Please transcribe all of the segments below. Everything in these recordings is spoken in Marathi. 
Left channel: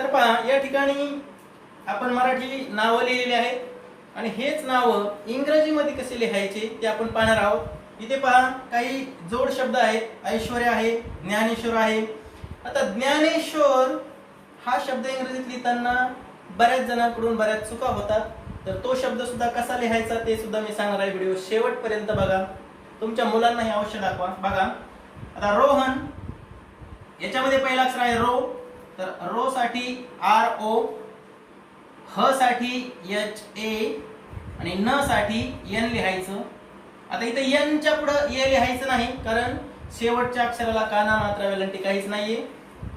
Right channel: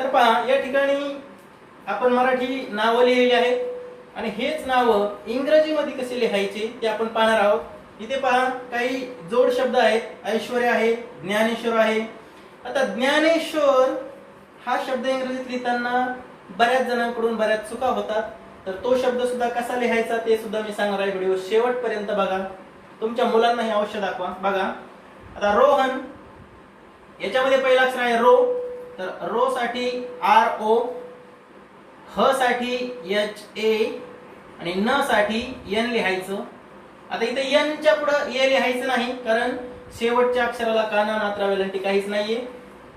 तर पहा या ठिकाणी आपण मराठी नावं लिहिलेली आहेत आणि हेच नावं इंग्रजीमध्ये कसे लिहायचे ते आपण पाहणार आहोत. इथे पहा काही जोड शब्द आहेत. ऐश्वर्य आहे, ज्ञानेश्वर आहे. आता ज्ञानेश्वर हा शब्द इंग्रजीत लिहिताना बऱ्याच जणांकडून बऱ्याच चुका होतात. तर तो शब्द सुद्धा कसा लिहायचा ते सुद्धा मी सांगणार आहे. व्हिडिओ शेवटपर्यंत बघा. तुमच्या मुलांना हे अवश्य दाखवा. बघा आता रोहन, याच्यामध्ये पहिला अक्षर आहे रो. तर रो साठी आर ओ, ह साठी एच ए आणि न साठी एन लिहायचं. आता इथे एन च्या पुढे ए लिहायचं नाही, कारण शेवटच्या अक्षराला काना मात्रा वेलांटी काहीच नाहीये.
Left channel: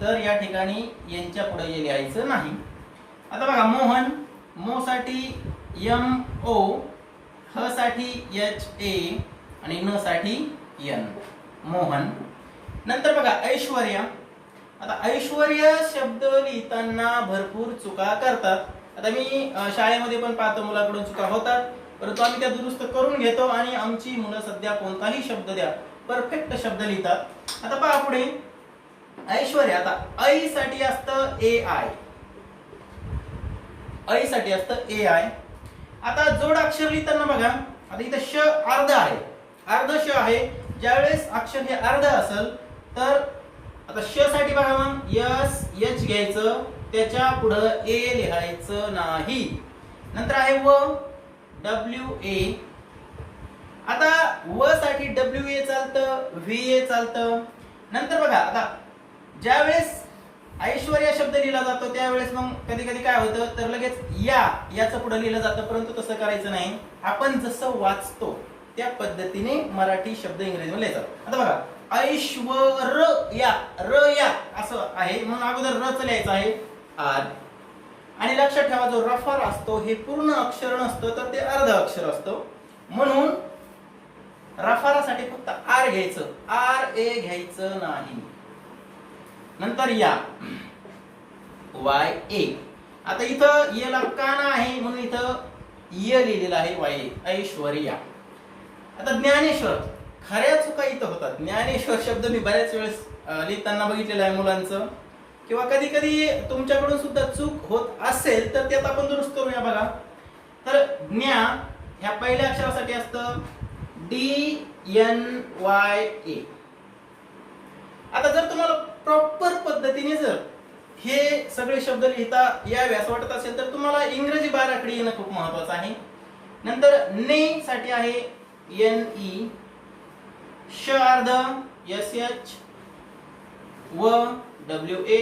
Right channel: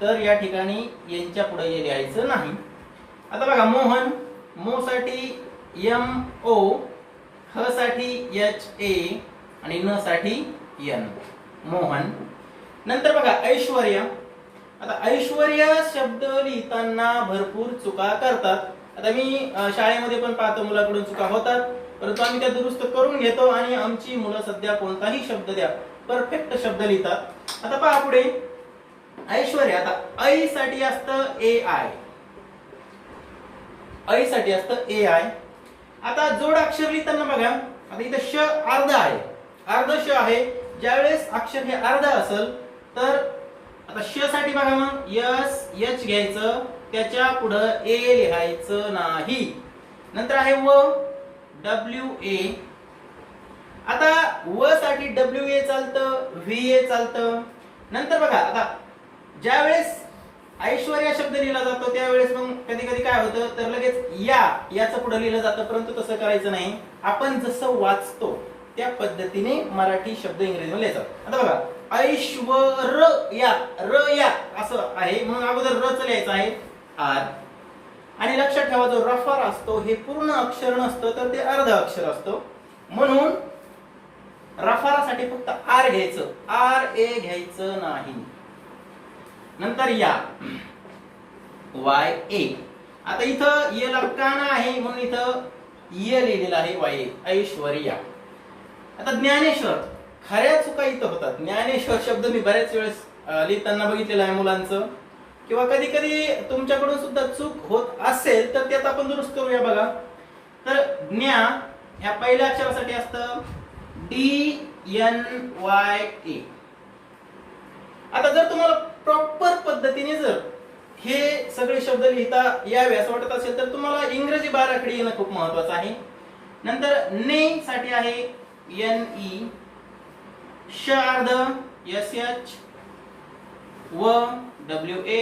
तर या ठिकाणी एन च्या पुढे ए लिहायचं नाही. आता बघा मोहन, मो साठी एम ओ, ह साठी एच ए आणि न साठी एन, मोहन. नंतर बघा ऐश्वर्या. आता ऐश्वर्या शब्द लिहिताना भरपूर चुका करतात. आता मी शाळेमध्ये पण पाहतो मुलाकडून चुका होतात, परंतु आम्ही त्या दुरुस्त करून घेतो आणि आमची मुलं सध्या कोणताही शब्द द्या परफेक्ट शब्द लिहितात. आता पहा पुढे ऐश्वर्या. आता ऐ साठी असतं ए आय, ऐ साठी असतं ए आय. आता जोड अक्षर लिहिताना बघा, आता इथं श अर्ध आहे, अर्ध श आहे. ज्यावेळेस अक्षर हे अर्ध असेल तर आता श साठी बघा मग यस एच घ्यायचं, त्याच्या पुढे ए लिहायचं नाही. नंतर आहे व, डब्ल्यू ए. आता व साठी डब्ल्यू ए चालतं, व्ही ए चालतं. नंतर बघा आता ज्यावेळेस ऐश्वर्या शब्द लिहिला जातो त्यावेळेस मग कधी कधी काय होतं तर लगेच याचं पुढे लिहिलं जातं, परंतु तसं करायचं नाही. आपण जसं वाचतो त्या पद्धतीने मराठी शब्द इंग्रजीमध्ये लिहायचा. आता बघा ऐश्वर्या, र या असं आहे म्हणून अगोदर र च लिहायचं आहे आर. आणि लक्षात ठेवा जो रफर असतो हे पूर्ण अक्षर नसतं तर ते अर्ध अक्षर असतो, म्हणून रफारासाठी फक्त आर घ्यायचं, आर ए घ्यायचं नाही. नंतर या वाय ए. आता इथं ये ला काना आहे म्हणून इथं ये लिहिलेलं आहे वाय, ऐश्वर्या. आता ज्ञानेश्वर, खऱ्या चुका इथं होतात. ज्ञानेश्वर शब्द मी बऱ्याच वेळेस लिहिताना बघितलेलं आहे मुलांचं, किंवा कधी कधी तुमच्याकडून सुद्धा चूक होत असेल तर त्यात आपण दुरुस्त करूया. बघा तर ज्ञा ह्या पहिल्या अक्षरासाठी असतं डी एन वाय ए. आता जर तुम्हाला प्रॉपर पद्धतीने जर हे सगळे शब्द लिहिता यावे असं वाटत असेल तर तुम्हाला इंग्रजी बाराखडी येणं खूप महत्वाचं आहे. नंतर ने साठी आहे एन ई, श अर्ध एस एच, व डब्ल्यू ए.